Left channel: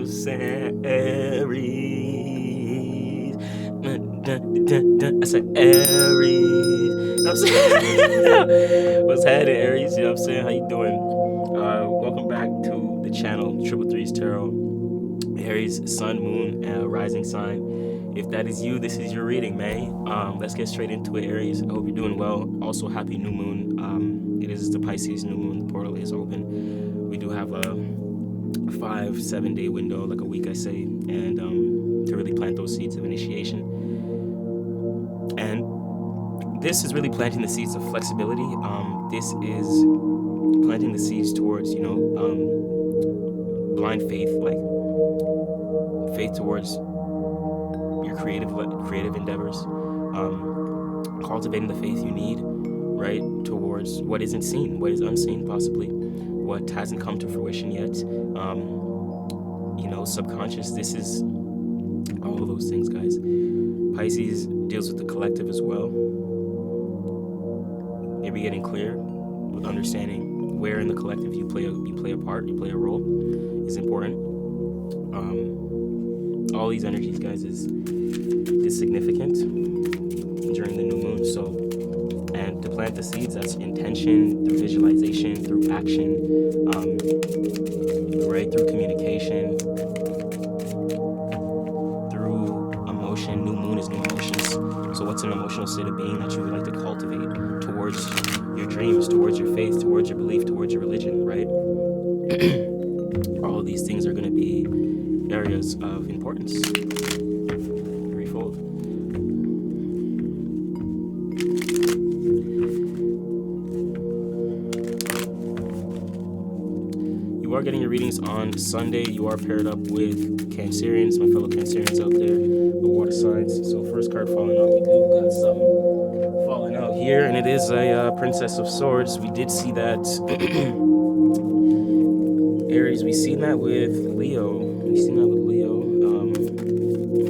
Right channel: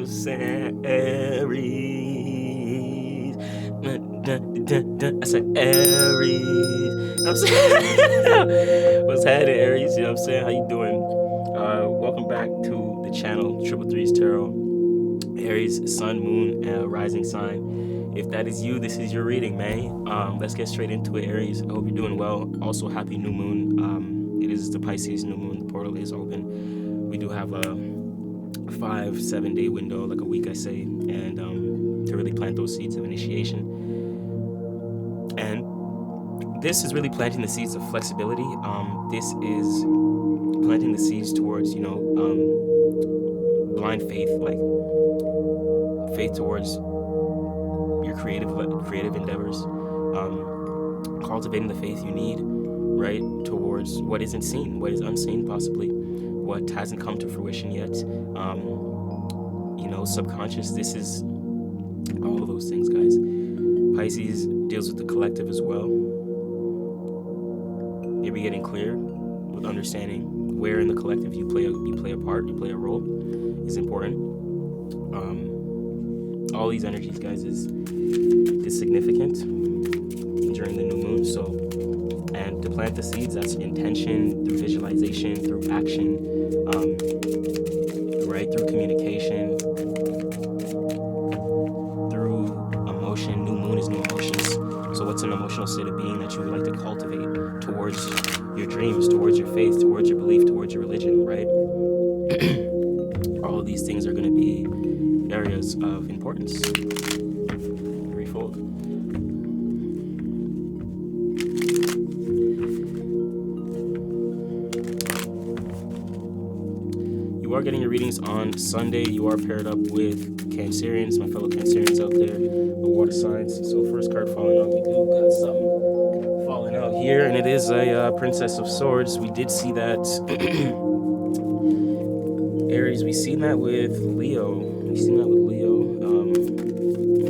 I'm saying? Aries. I said Aries. You know what I'm saying? What's happening, Aries? You know what I'm saying? How you doing? Welcome back to the channel, Triple Threes Tarot. Aries, Sun, Moon, Rising sign. If that is you, this is your reading, man. Let's get straight into it, Aries. I hope you're doing well. Also, happy new moon. It is the Pisces new moon. The portal is open. We do have a 5-7 day window, like a week, I say, and to really plant those seeds of initiation. And this is really planting the seeds of flexibility. This is planting the seeds towards, blind faith, like faith towards your creative endeavors, cultivating the faith you need, right, towards what isn't seen, what is unseen, possibly what hasn't come to fruition yet. Subconscious, this is all of those things, guys. Pisces deals with the collective as well. Maybe getting clear with understanding where in the collective you play a part, you play a role, is important. All these energies, guys, is significant during the new moon. So, and to plant the seeds, that's intention, through visualization, through action, right, through communication, through emotion. New moon is new emotions. So what's an emotional state of being that you would like to cultivate towards your dreams, towards your faith, towards your belief, towards your religion, right? All of these things are going to be areas of importance. Threefold. You are getting your readings on Sunday. You are paired up with Cancerians, my fellow Cancerians out there, the water signs. So first card falling out, we do got something falling out here, and it is a Princess of Swords. We did see that. Aries, we've seen that with Leo.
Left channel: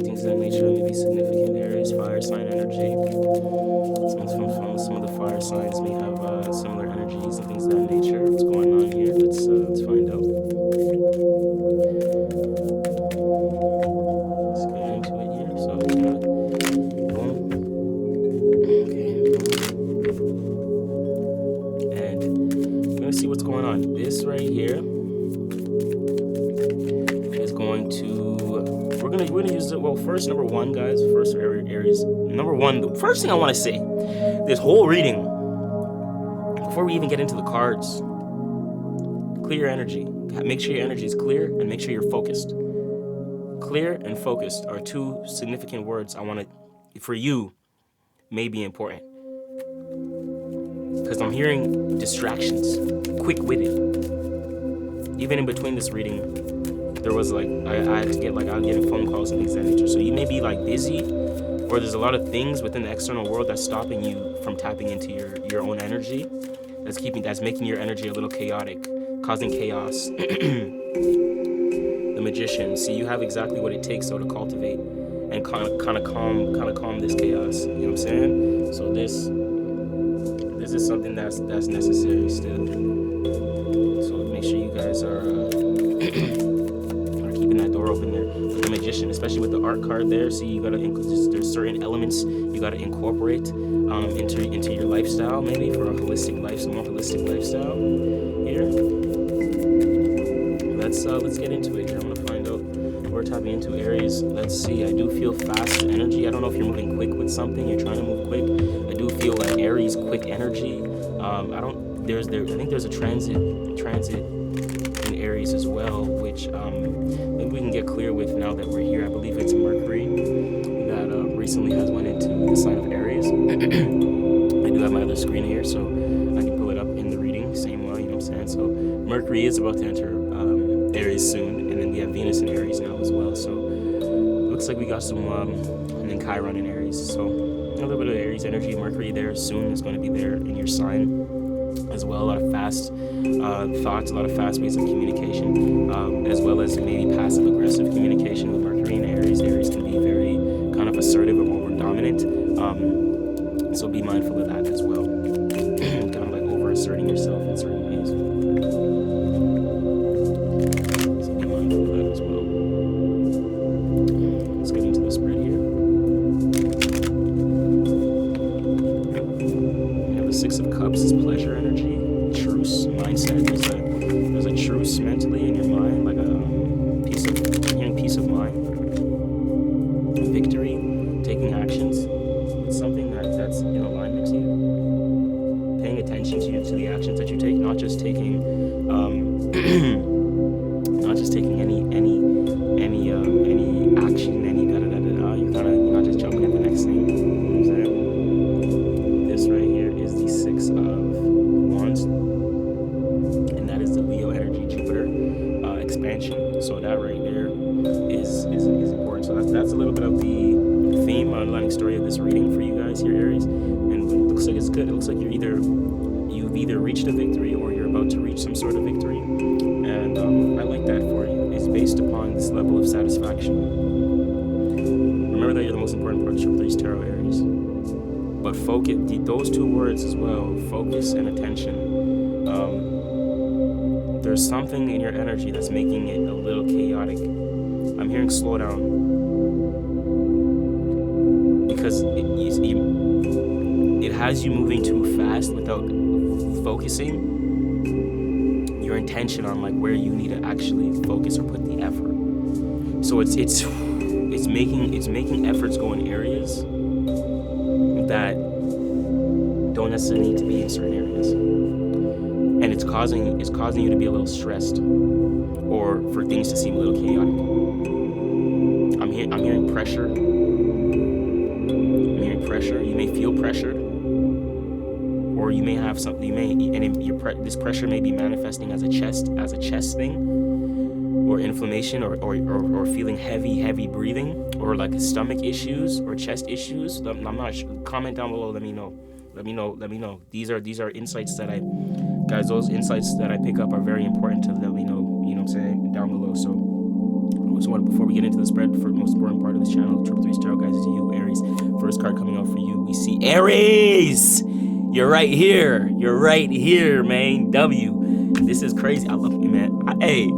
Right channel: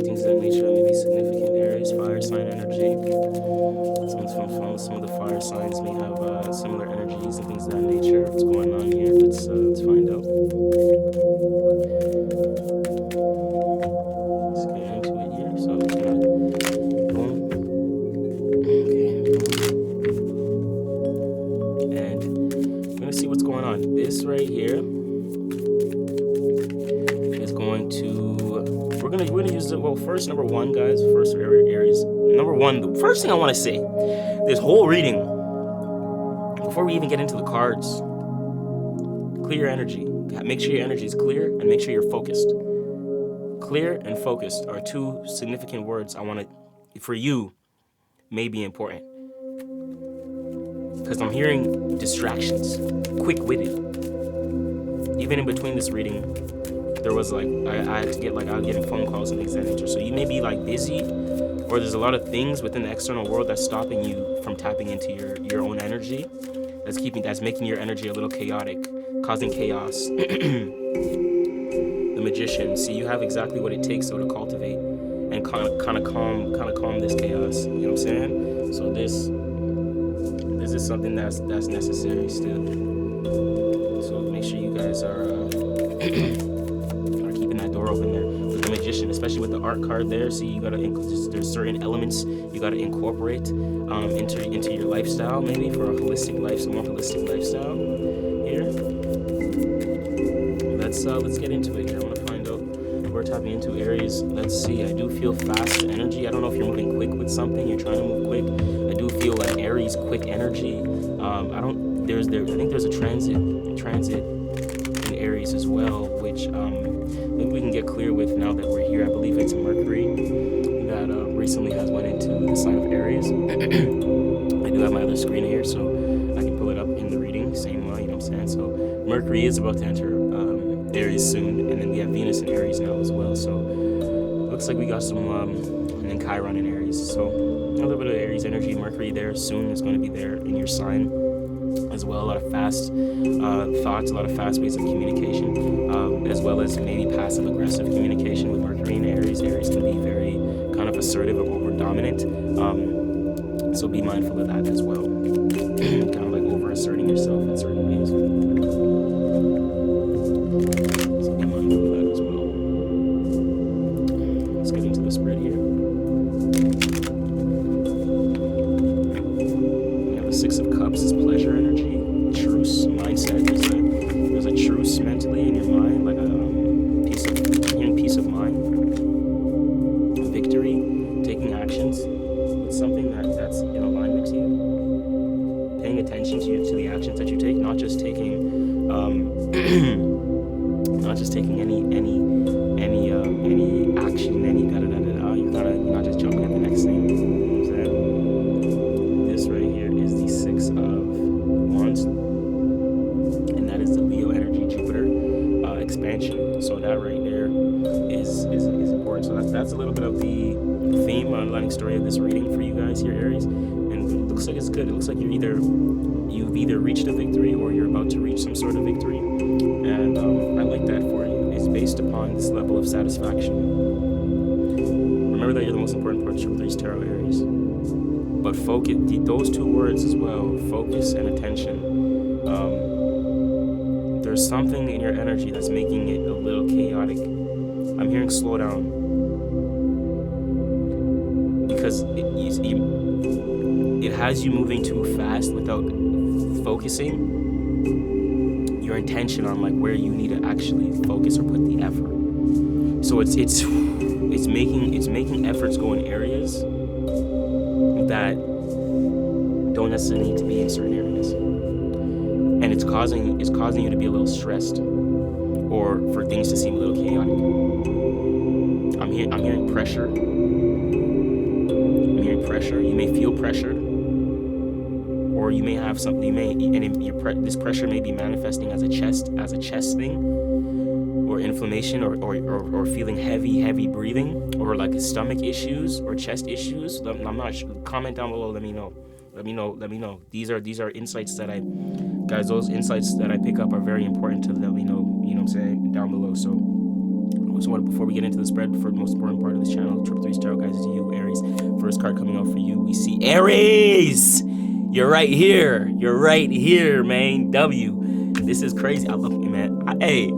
Things of that nature may be significant. Aries, fire sign energy. Some of the fire signs may have similar energies and things of that nature. What's going on here? Let's find out. Let's get into it here. So, boom. Okay. And we're gonna see what's going on. This right here. We're gonna use it. Well, first, number one, guys. First, Aries. Number one, the first thing I want to say, this whole reading, before we even get into the cards, clear your energy. Make sure your energy is clear and make sure you're focused. Clear and focused are two significant words I want to, for you, may be important. Because I'm hearing distractions, quick-witted. Even in between this reading, there was I had to get I was getting phone calls and things of that nature. So you may be busy, or there's a lot of things within the external world that's stopping you from tapping into your own energy. That's making your energy a little chaotic, causing chaos. The Magician. See, you have exactly what it takes to cultivate and kind of calm this chaos. You know what I'm saying? So this is something that's necessary still. So make sure you guys are keeping that door open there. With the Magician, especially with the art card there, see, you gotta there's certain elements you gotta incorporate into your lifestyle, maybe for a holistic life, some more holistic lifestyle here. Let's get into it here. I want to find out what we're tapping into, Aries. Let's see. I do feel fast energy. I don't know if you're moving quick with something. You're trying to move quick. I do feel Aries quick energy. I think there's a transit in Aries as well, which maybe we can get clear with now that we're here. I believe it's Mercury that recently has went into the sign of Aries. I do have my other screen here, so I can pull it up in the reading, same way, you know what I'm saying? So Mercury is about to enter Aries soon, and then we have Venus in Aries now as well. So looks like we got some, and then Chiron in Aries. So a little bit of Aries energy. Mercury there soon is going to be there in your sign as well. A lot of fast thoughts, a lot of fast ways of communication, as well as maybe passive aggressive communication with Mercury in Aries. Aries can be very kind of assertive or over dominant. So be mindful of that as well. Kind of over asserting yourself in certain ways. So be mindful of that as well. any action, any da da da da da. You're not just jumping at the next thing. You know what I'm saying? This right here is the Six of Wands, and that is the Leo energy, Jupiter expansion. So that right there is important. So that's a little bit of the theme, underlying story of this reading for you guys here, Aries. And it looks like it's good. It looks like you've either reached a victory or you're about to reach some sort of victory. And I like that for you. It's based upon this level of satisfaction. Remember that you're the most important part of CHOQ 3's tarot, Aries. But focus, those two words as well, focus and attention. There's something in your energy that's making it a little chaotic. I'm hearing slow down. Because it has you moving too fast without focusing your intention on like where you need to actually focus or put the effort. So it's making efforts go in areas that don't necessarily need to be in certain areas, and it's causing you to be a little stressed or for things to seem a little chaotic. I'm hearing pressure. I'm hearing pressure. You may feel pressured, or you may have something. This pressure may be manifesting as a chest thing, or inflammation, or feeling heavy breathing, or like stomach issues or chest issues. I'm not sure. Comment down below. Let me know. These are insights that those insights that I pick up are very important to let me know. You know what I'm saying, down below. So I just want to, before we get into the spread for the most important part of this channel, CHOQ 3's tarot guys, is you, Aries. First card coming out for you, we see Aries. You're right here, man. W. This is crazy. I love you, man. I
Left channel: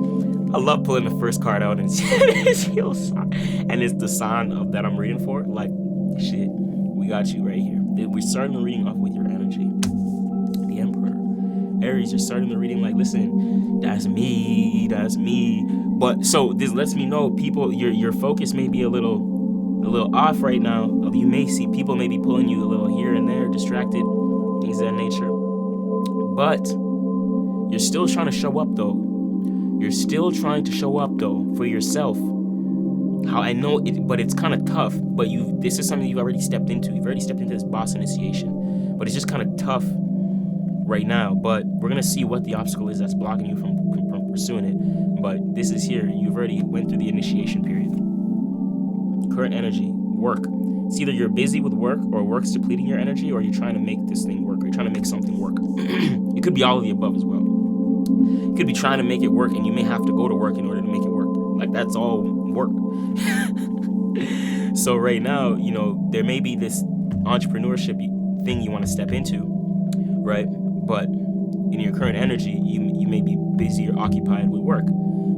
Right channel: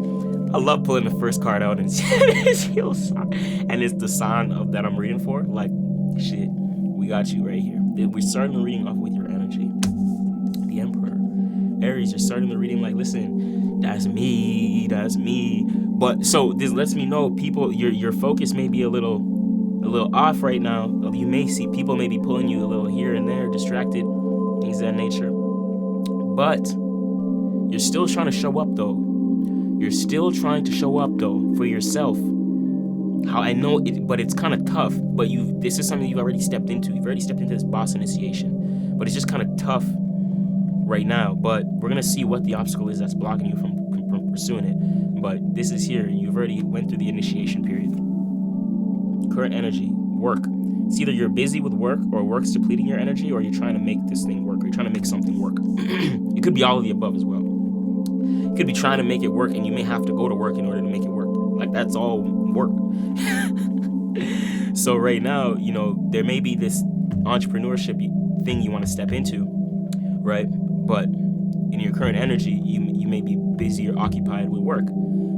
love pulling the first card out and it's your sign, and it's the sign of that I'm reading for. Like, shit, we got you right here. We're starting the reading off with your energy, the Emperor. Aries, you're starting the reading like, listen, that's me. But so this lets me know, people, your focus may be a little off right now. You may see people may be pulling you a little here and there, distracted, things of that nature. But you're still trying to show up though. You're still trying to show up though for yourself. How I know it, but it's kind of tough. But this is something you've already stepped into. You've already stepped into this boss initiation. But it's just kind of tough right now. But we're gonna see what the obstacle is that's blocking you from pursuing it. But this is here. You've already went through the initiation period. Current energy, work. It's either you're busy with work, or work's depleting your energy, or you're trying to make this thing work, or you're trying to make something work. It could be all of the above as well. You could be trying to make it work, and you may have to go to work in order to make it work. Like, that's all work. So right now, there may be this entrepreneurship thing you want to step into, right? But in your current energy, you may be busy or occupied with work.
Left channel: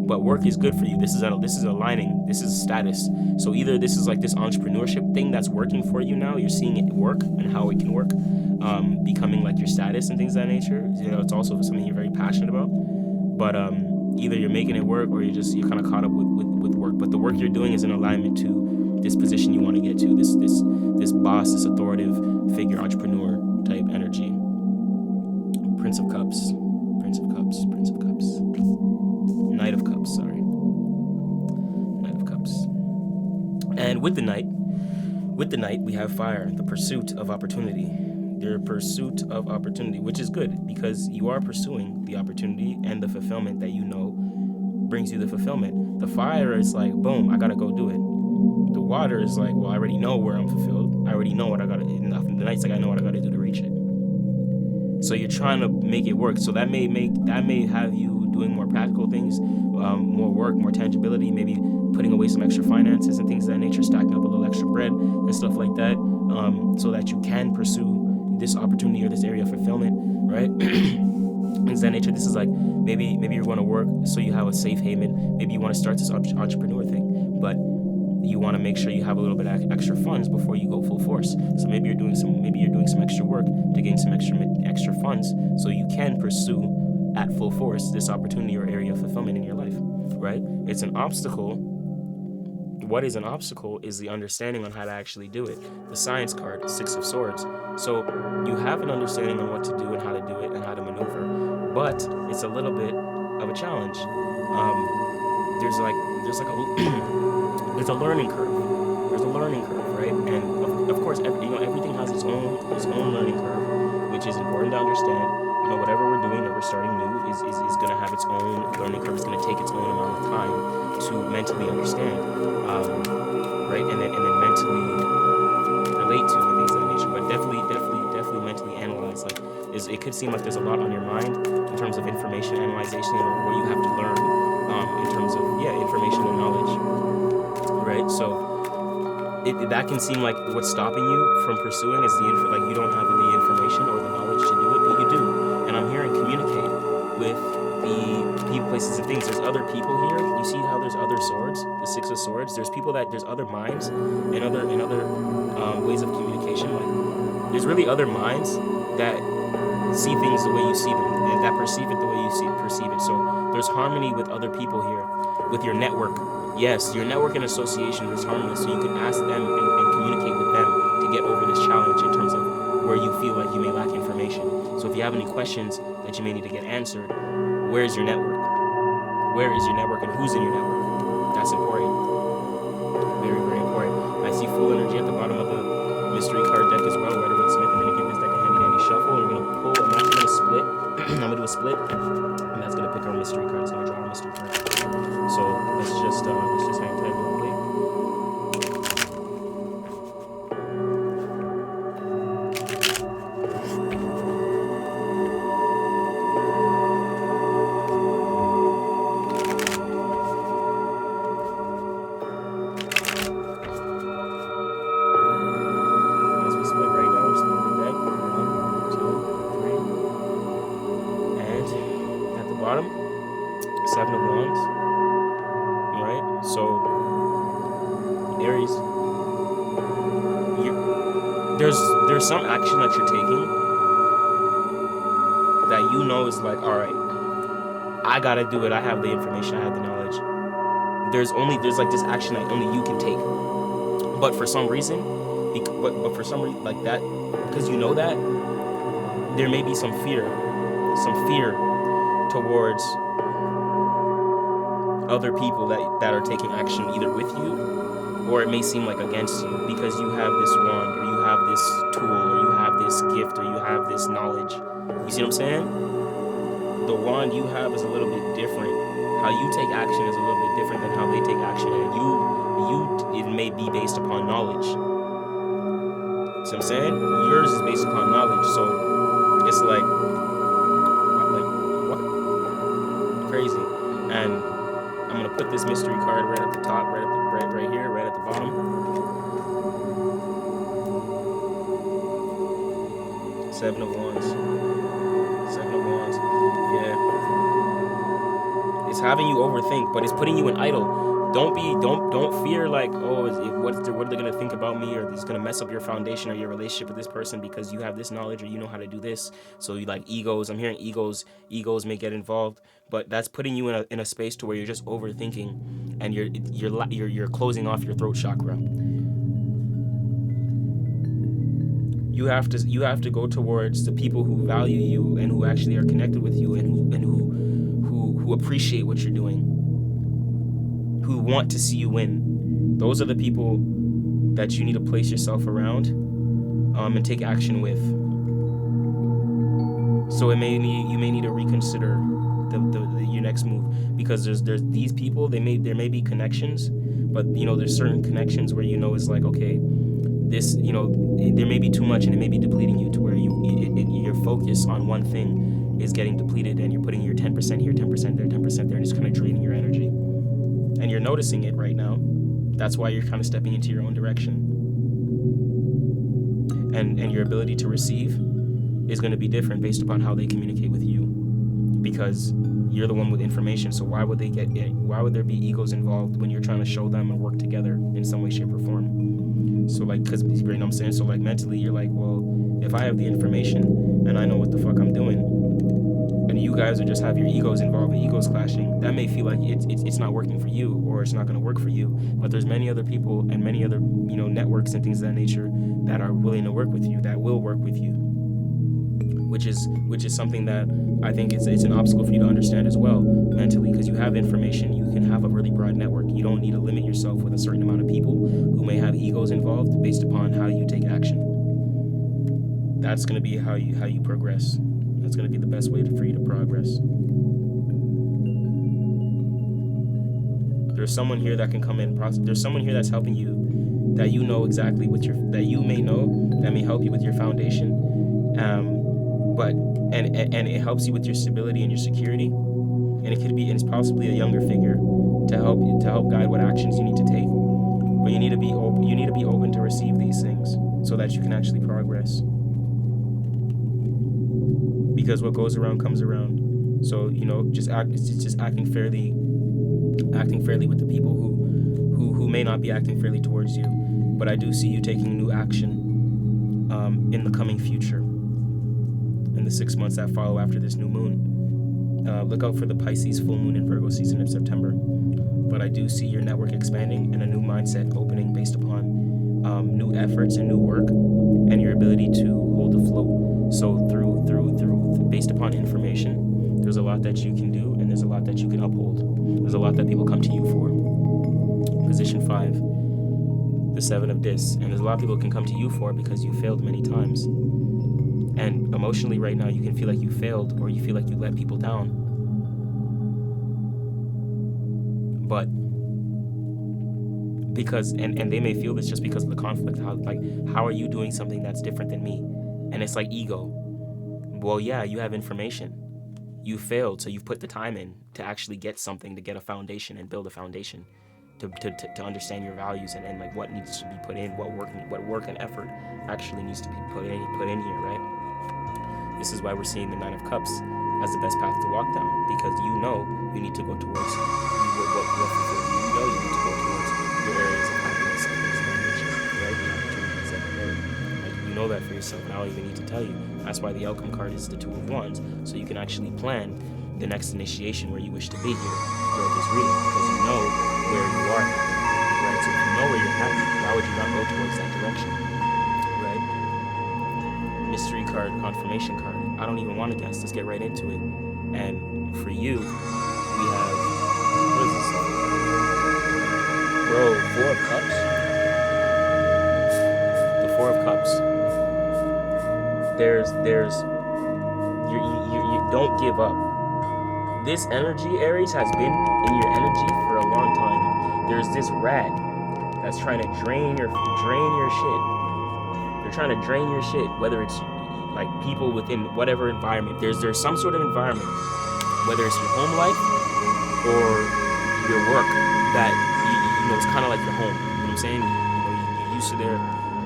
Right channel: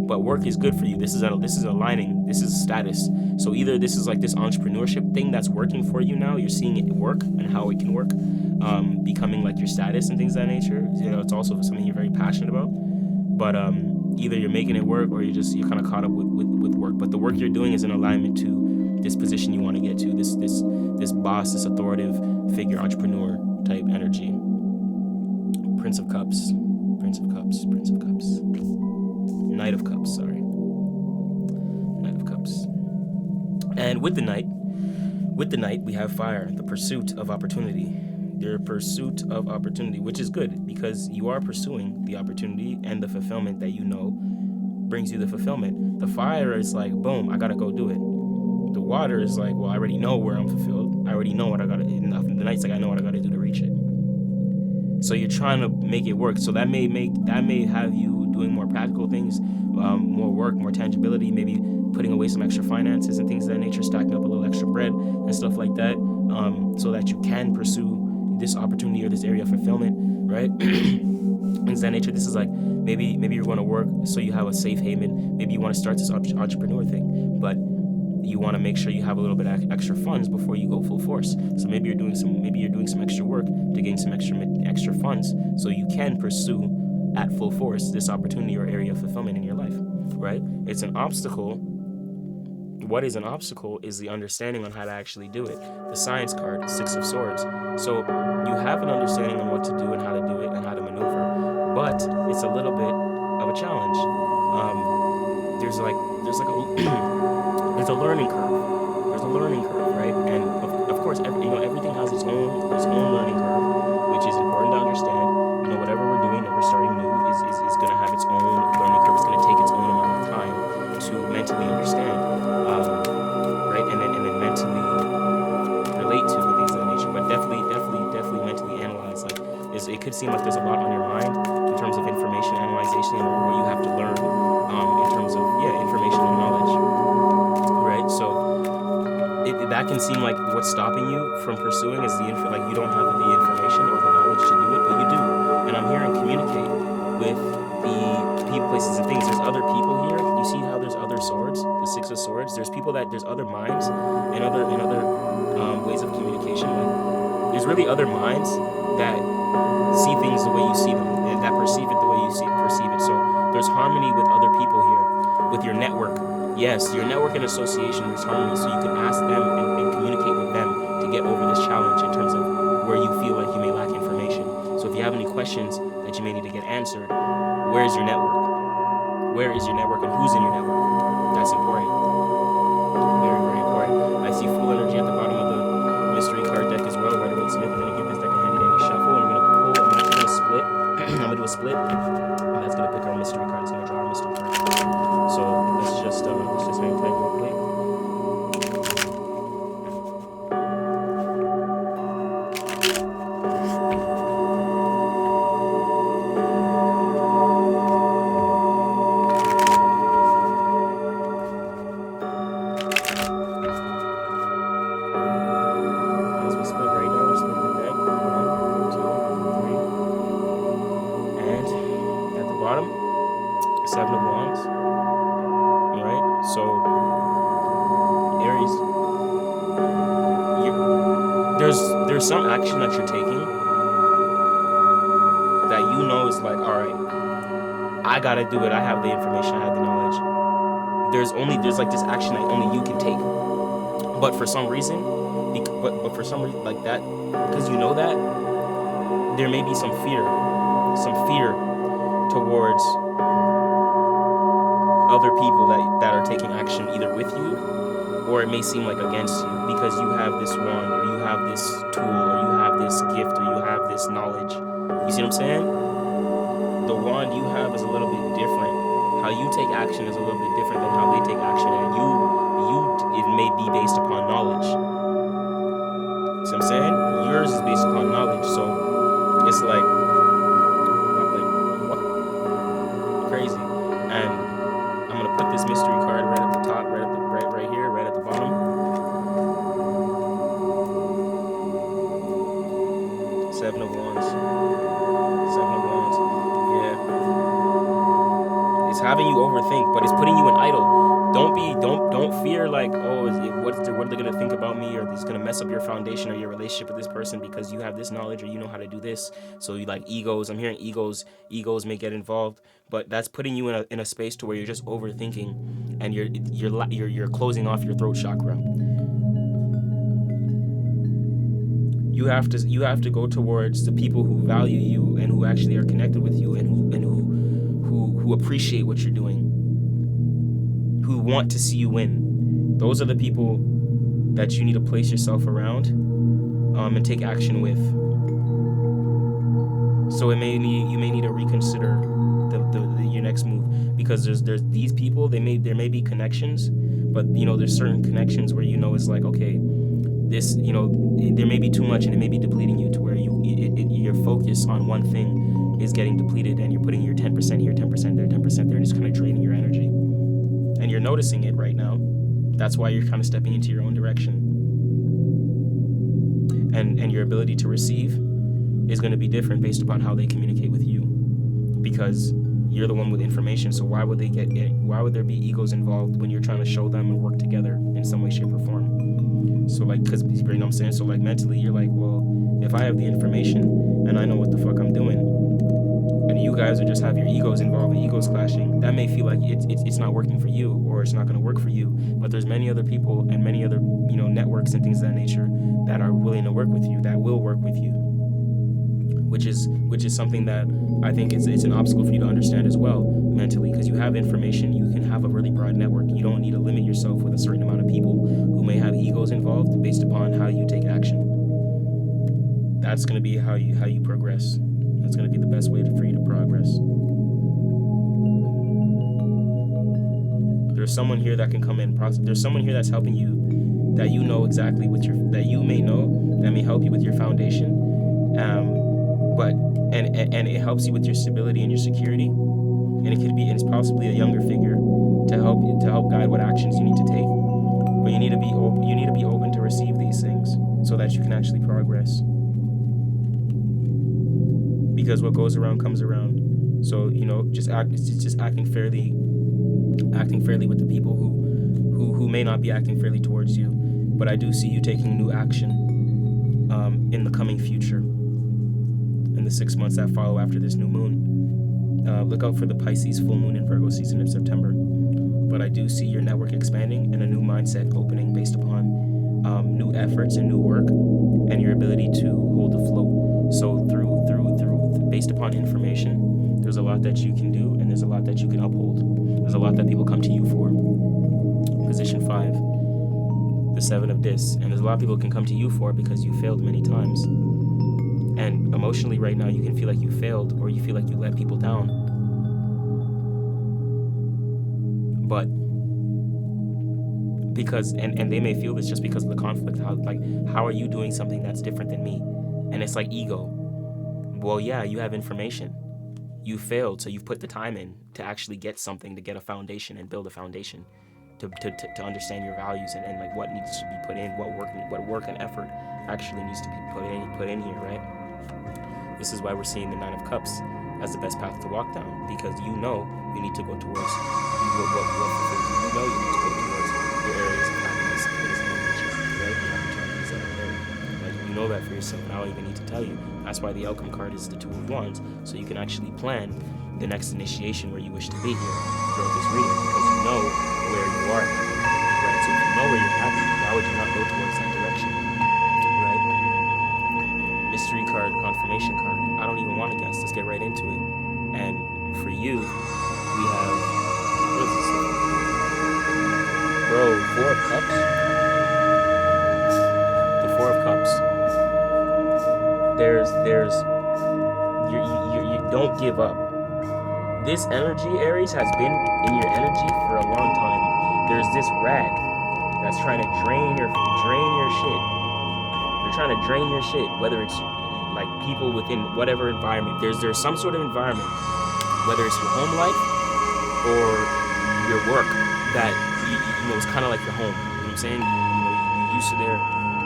But work is good for you. This is aligning. This is status. So either this is like this entrepreneurship thing that's working for you now. You're seeing it work and how it can work, becoming like your status and things of that nature. It's also something you're very passionate about. But either you're making it work, or you're kind of caught up with work. But the work you're doing is in alignment to this position you want to get to. This boss, this authoritative figure, entrepreneur type energy. Prince of Cups. Knight of Cups, sorry. Knight of Cups. And with the Knight, we have fire, the pursuit of opportunity. Their pursuit of opportunity, which is good because you are pursuing the opportunity and the fulfillment that brings you the fulfillment. The fire is like, boom, I gotta go do it. The water is like, well, I already know where I'm fulfilled. I already know what I gotta do. The Knight's like, I know what I gotta do to reach it. So you're trying to make it work. So that may have you doing more practical things, more work, more tangibility, maybe putting away some extra finances and things of that nature, stacking up a little extra bread and stuff like that, so that you can pursue this opportunity or this area of fulfillment, right? Things of that nature. This is like, maybe you're going to work so you have a safe haven. Maybe you want to start this entrepreneur thing, but you want to make sure you have a little bit of extra funds before you go full force. So maybe you're doing some extra work to gain some extra funds so you can pursue at full force this opportunity or area of fulfillment in your life, right? It's an obstacle. What is an obstacle is the understanding on how to actually do it. The Science card, Six of Swords. So you have an understanding on what to do and how to do it and how to maneuver, but it's a little bit of a challenge. there's like a there's a learning curve. There's a learning curve, right? And of course, everything has its own learning curve, which is important to understand. Whatever we're doing that we're starting new is going to have its own learning curve. It's going to take its own amount of time to mentally understand, right? And then mentally relate to and things of that nature. But definitely mentally analyze. Like, it could seem like there's a lot on your mind in terms of information analyzation or what you have to learn in terms of information and knowledge, right? So that can seem like what's stopping you from pursuing is like you don't have the information or the knowledge to do it, but you do. And I'm here and communicate with the people, places, and things. There's other people here. You see how there's other swords, the Six of Swords. There's other minds and other ways of communication. Like, there's really other minds that see things the way you see them and that perceive it the way you perceive it. So there's harmony with other people here, with your network. Yes, your network and association, there's harmony. So you can ask them and communicate with them to get over this challenge in terms of where you feel like you may lack information. So if you have any questions that you may need to get answered, where's your network? Where is your network and who's in your network? That's important. Very, very important. I see full energy at the bottom of the mystery card deck as well. Rider Waite Smith. I'm going to give this deck a handy dandy shuffle, and we're going to pull. I'm actually going to split. I'm going to do a split, and that's going to pick our mystery card. It's going to draw our mystery card. So let's just hang tight real quick. Bottom, Seven of Wands. Right? So, Aries, there's some action that you're taking that is like, all right, I gotta do it. I have the information. I have the knowledge. There's like this action that only you can take. But for some reason, like that, because you know that, there may be some fear towards other people that are taking action either with you, or it may seem like against you, because you have this wand, or you have this tool, or you have this gift, or you have this knowledge. You see what I'm saying? The wand you have is a little bit different. How you take action is a little bit different than how they take action, and it may be based upon knowledge. See what I'm saying? Yours is based upon knowledge, so it's like what? Crazy. And I'm gonna put this mystery card right at the top, right here, right at the bottom. Seven of Wands. Yeah. It's having you overthink, but it's putting you in idle. Don't fear like, oh, what are they gonna think about me, or it's gonna mess up your foundation or your relationship with this person because you have this knowledge or you know how to do this. So you like egos. I'm hearing egos may get involved, but that's putting you in a space to where you're just overthinking, and you're closing off your throat chakra. You have to go towards the people who value you and who actually are connected with you and who appreciate what you're doing, who want to see you win. Those are the people that you need to place yourself around and take action with. So you may need to reconsider your next move, because there's these people. There may be connections, but there's certain connections where it's like, okay, this there may be too much and it may be depleting you to where your focus on one thing is getting depleted, and you're putting your 10% here, 10% there, 10% there, and it's kind of draining your energy. And you're noticing it right now. That's why you're kind of stepping into your own direction. And your ability to receive is going to be different based upon how they communicate with you, because you're the one with information. So why would there be egos involved when you're trying to show them and work together in some way, shape, or form? So because you know what I'm saying? So mentally you're like, well, if I have the information and I know what the fuck I'm doing, and you guys just have your egos involved and egos clashing, that may feel like it's not working for you, or it's not going to work for you. But there's many other people and many other networks and things of that nature that are willing to work with you, that will work with you. which is something that I think it's an obstacle for you to understand as well mentally, because you have information, you can have a really broad network. You don't need to limit yourself with a certain amount of people who may have egos involved based upon how you take action. That's going to be how you progress. That's going to be the best way for you to progress. There's someone here that can come in. There's someone here that's helping you, that you know exactly that you may know, that may help you with your foundation. And it helps you with your stability and your security. And it's possibly a younger figure to help guide what actions you need to take. But you need to be open to receive these things so that you can actually progress. Because what goes around comes around. So, just acting fairly with the people who may not be acting fairly towards you. But I do see you taking new action in the coming future, in the 6 months that follow after this new moon. Look out for the Pisces full moon and Virgo season of September. But I do see your network expanding and a new mindset opening based upon new efforts and new work and your ability to hold the float. So through based upon information, there's a lot that you can do and there's a lot that you can uphold. There's a lot that people come to you for. Position 5, the 7 of Dis, and there's a lot of people can come to you for because you failed many times. And emotionally right now you can feel like you failed, or you feel like you let people down. But because and they may feel this just because of the conflict. How are you doing something that's different than me? And it's like ego. Well, yeah, you have information. You failed, so you've put the time in to actually get something, to get a foundation and build a foundation, to understand your values and like what needs to be put in, what work and effort actually needs to be put in here, right? This is why we're seeing the 9 of Cups as the best path to walk down, because you need to go towards what fulfills you. You need to go towards your areas of happiness and things of that nature, right? The opportunities that are there. Like, you know that for yourself, and I don't even need to tell you. That's why the outcome card is the 2 of Wands, so you can actually plan the next initiation where you wish to be here throughout this reading, because you know where you are happy, right? So if you know where you're happy, why would you not go towards that direction, right? Mystery card, confirmation card. I don't even want to guess. Let's get right into it. And for you, we have, what is this stuff? Bro, 4 of Cups? The 4 of Cups. You don't give up. This energy, Aries, has been in your energy for a long time. There's this rat that's trying to drain your shit. They're trying to drain your shit, whether it's like people within whatever environment. There's some sort of environment, whether it's your home life or your work, that you know it's kind of like your home. You know what I'm saying? You're used to there,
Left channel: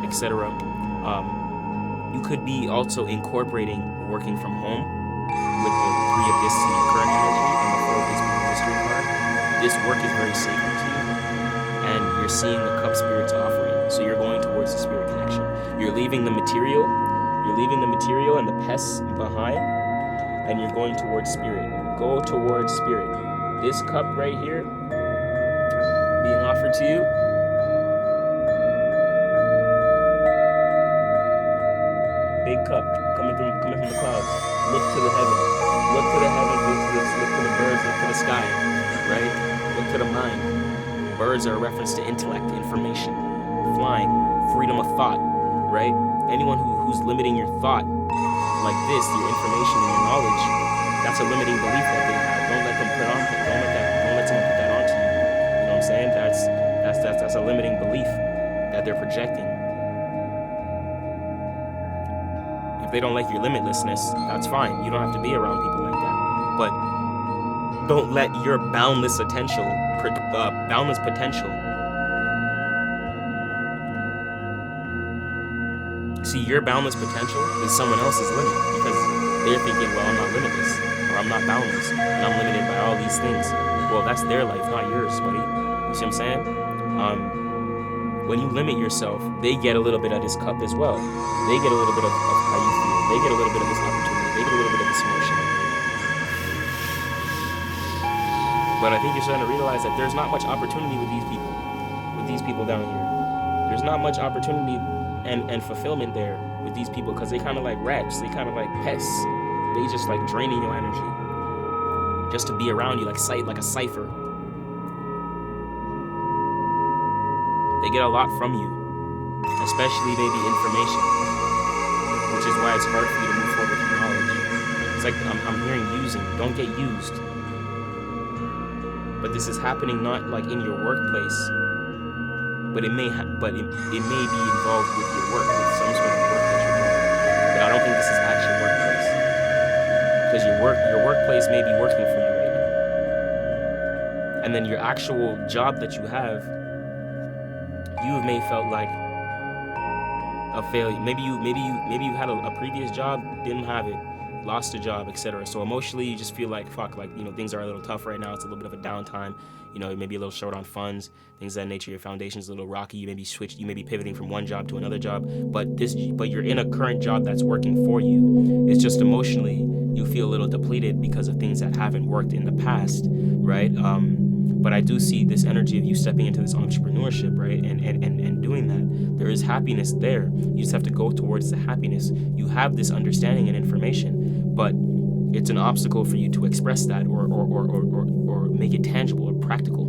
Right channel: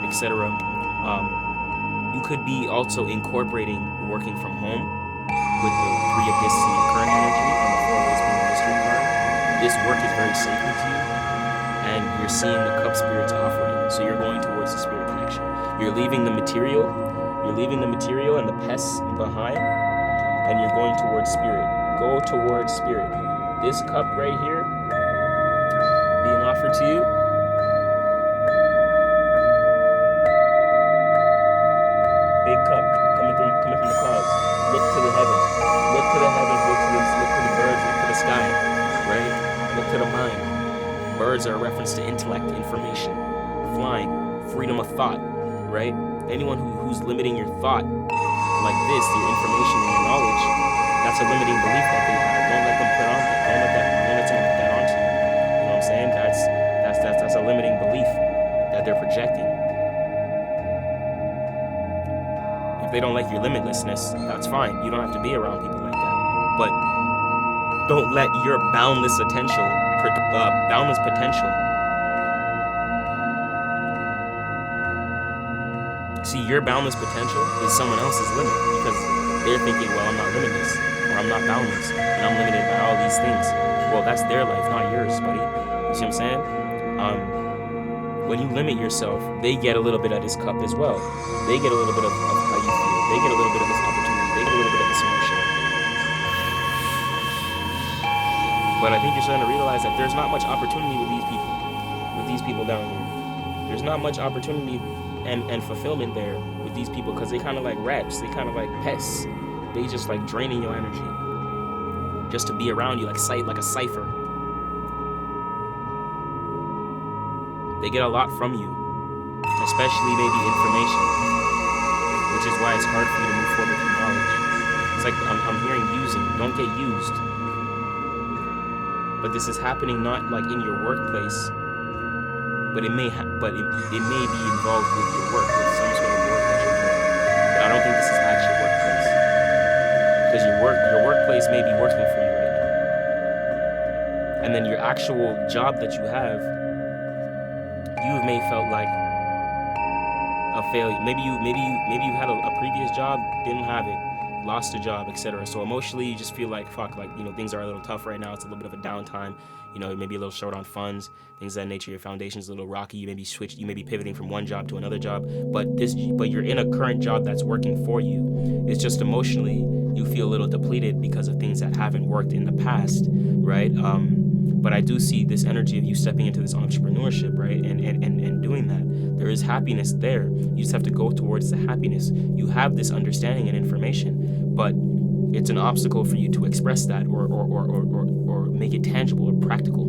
etc. You could be also incorporating working from home with the 3 of Discs in your current energy and the 4 of Discs being the mystery card. This work is very sacred to you, and you're seeing the Cup Spirit's offering. So you're going towards the spirit connection. You're leaving the material and the pests behind, and you're going towards spirit. Go towards spirit. This cup right here being offered to you, big cup coming from the clouds. Look to the heavens. Look to the heavens. Look to the birds. Look to the sky. Right? Look to the mind. Birds are a reference to intellect, information, flying, freedom of thought. Right? Anyone who's limiting your thought like this, your information and your knowledge, that's a limiting belief that they have. Don't let them Don't let someone put that onto you. You know what I'm saying? That's a limiting belief that they're projecting. If they don't like your limitlessness, that's fine. You don't have to be around people like that. But don't let your boundless potential. See, your boundless potential is someone else's limit, because they're thinking, well, I'm not limitless, or I'm not boundless, and I'm limited by all these things. Well, that's their life, not yours, buddy. You see what I'm saying? When you limit yourself, they get a little bit of this cup as well. They get a little bit of how you feel. They get a little bit of this opportunity. They get a little bit of this emotion. But I think you're starting to realize that there's not much opportunity with these people down here. There's not much opportunity and fulfillment there. with these people, because they kind of like rats. They kind of like pests. They just like draining your energy just to be around you, like a cipher. They get a lot from you, especially maybe information, which is why it's hard for you to move forward with your knowledge. It's like I'm hearing using. Don't get used. But this is happening not like in your workplace, but it may be involved with your work, with some sort of work that you're doing. But I don't think this is at your workplace, because your workplace may be working for you right now, and then your actual job that you have, you may felt like a failure. Maybe you had a previous job, didn't have it, lost a job, etc. So emotionally, you just feel like fuck, like things are a little tough right now. It's a little bit of a downtime. You may be a little short on funds, things of that nature. Your foundation's a little rocky. You may be pivoting from one job to another job. But you're in a current job that's working for you. It's just emotionally you feel a little depleted because of things that haven't worked in the past, right? But I do see this energy of you stepping into this entrepreneurship, right? And doing that. There is happiness there. You just have to go towards the happiness. You have this understanding and information, but it's an obstacle for you to express that or make it tangible or practical,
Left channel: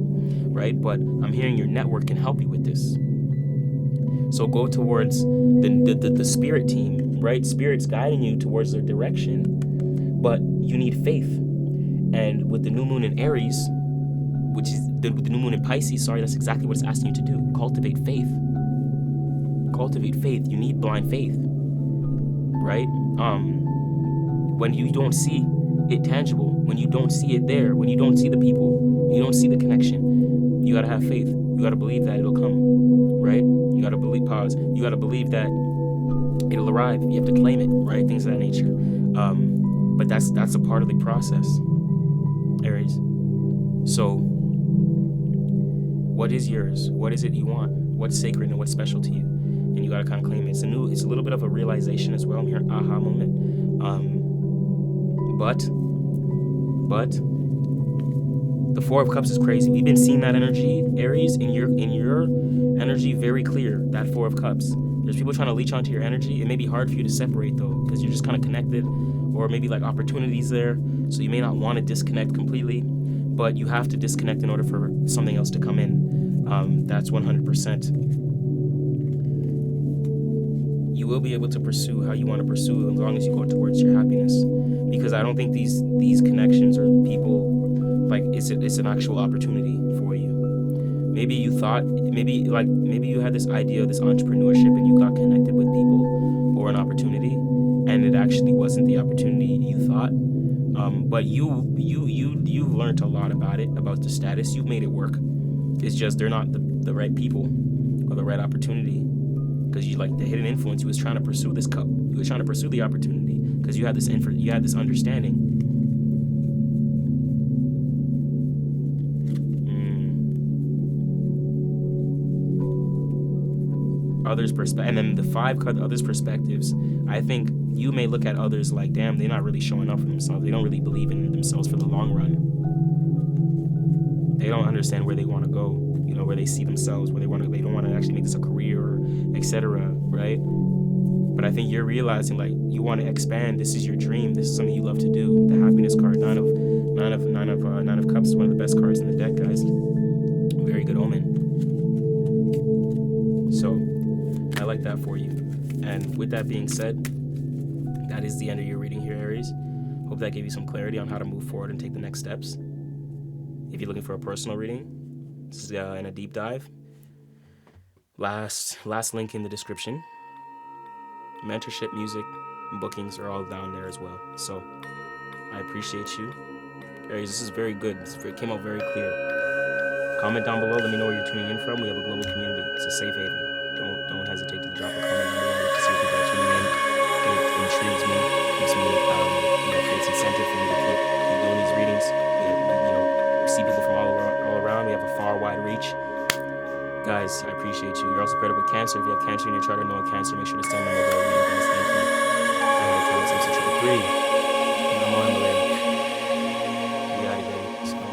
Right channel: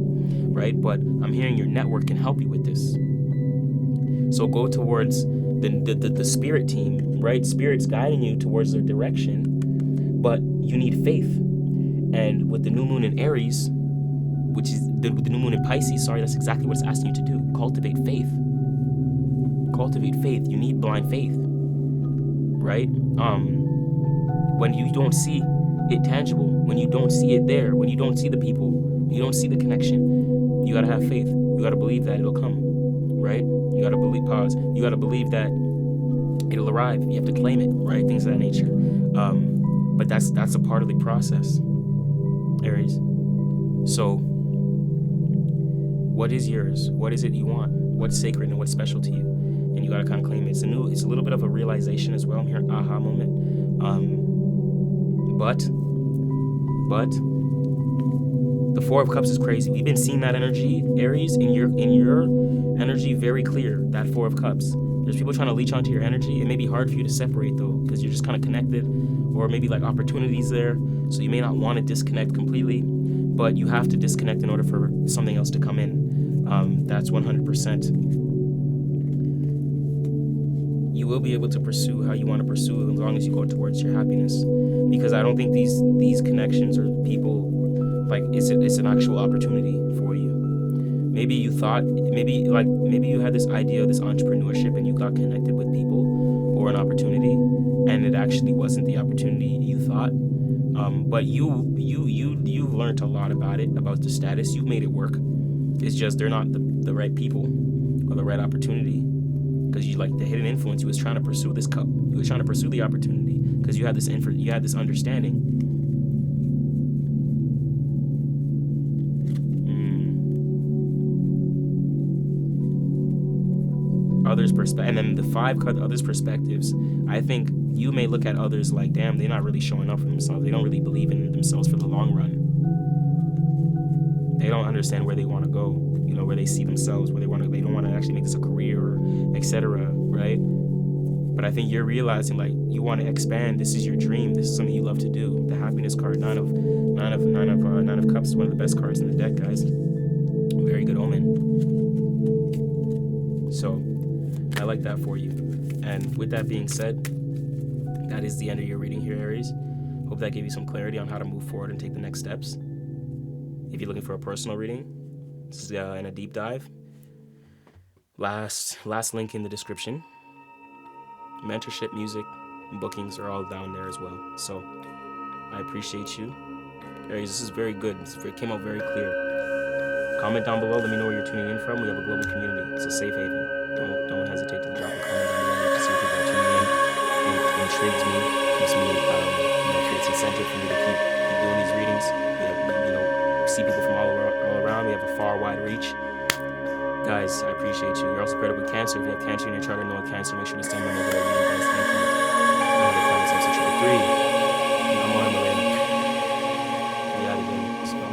right? But I'm hearing your network can help you with this. So go towards the spirit team, right? Spirit's guiding you towards their direction, but you need faith. And with the new moon in Aries, which is the new moon in Pisces, that's exactly what it's asking you to do. Cultivate faith. Cultivate faith. You need blind faith, right? When you don't see it tangible, when you don't see it there, when you don't see the people, when you don't see the connection, you gotta have faith. You gotta believe that it'll come, right? You gotta believe. Pause. You gotta believe that it'll arrive. You have to claim it, right? Things of that nature. But that's a part of the process, Aries. So, what is yours? What is it you want? What's sacred and what's special to you? And you gotta kind of claim it. It's a little bit of a realization as well. I'm hearing aha moment. But the Four of Cups is crazy. We've been seeing that energy, Aries, in your energy very clear. That Four of Cups. There's people trying to leech onto your energy. It may be hard for you to separate though, because you're just kind of connected, or maybe like opportunities there. So you may not want to disconnect completely, but you have to disconnect in order for something else to come in. That's 100%. You will be able to pursue how you want to pursue as long as you go towards your happiness. Because I don't think these connections or people, like it's an actual opportunity for you. Maybe you thought, maybe you had this idea of this entrepreneurship and you got connected with people or an opportunity, and it actually wasn't the opportunity you thought. But you've learned a lot about it, about the status. You've made it work. It's just they're not the right people or the right opportunity. Because you like the hidden influence, you was trying to pursue this cup. You were trying to pursue the opportunity because you had this understanding. Others' perspective, and then the 5 others' perspectives. I think you may look at others like, damn, they're not really showing up for themselves. They don't really believe in themselves for the long run. They don't understand where they want to go. Where they see themselves, where they don't want to actually make this a career, or etc. Right? But I think you're realizing like you want to expand. This is your dream. This is something you love to do. The happiness card, nine of cups, is one of the best cards in the deck, guys. Very good omen. So I like that for you. And with that being said, that is the end of your reading here, Aries. Hope that gave you some clarity on how to move forward and take the next steps. If you're looking for a personal reading, this is in a deep dive. Last link in the description. Mentorship, music, and bookings are all down there as well. So I appreciate you. Aries, this is very good. It came out very clear. Comment down below. Let me know where you're tuning in from. We have a global community. It's a safe haven. Don't hesitate to drop a comment down below. I love to see what people are tuning in. It intrigues me. Keeps me, creates incentive for me to keep doing these readings. We see people from all around. We have a far wide reach. Guys, I appreciate you. You're also paired up with Cancer. If you have Cancer in your chart or know a Cancer, make sure to send them over their reading, guys. Thank you. Ahead of time, since 333. I'm Himalaya. We out of here. Let's go.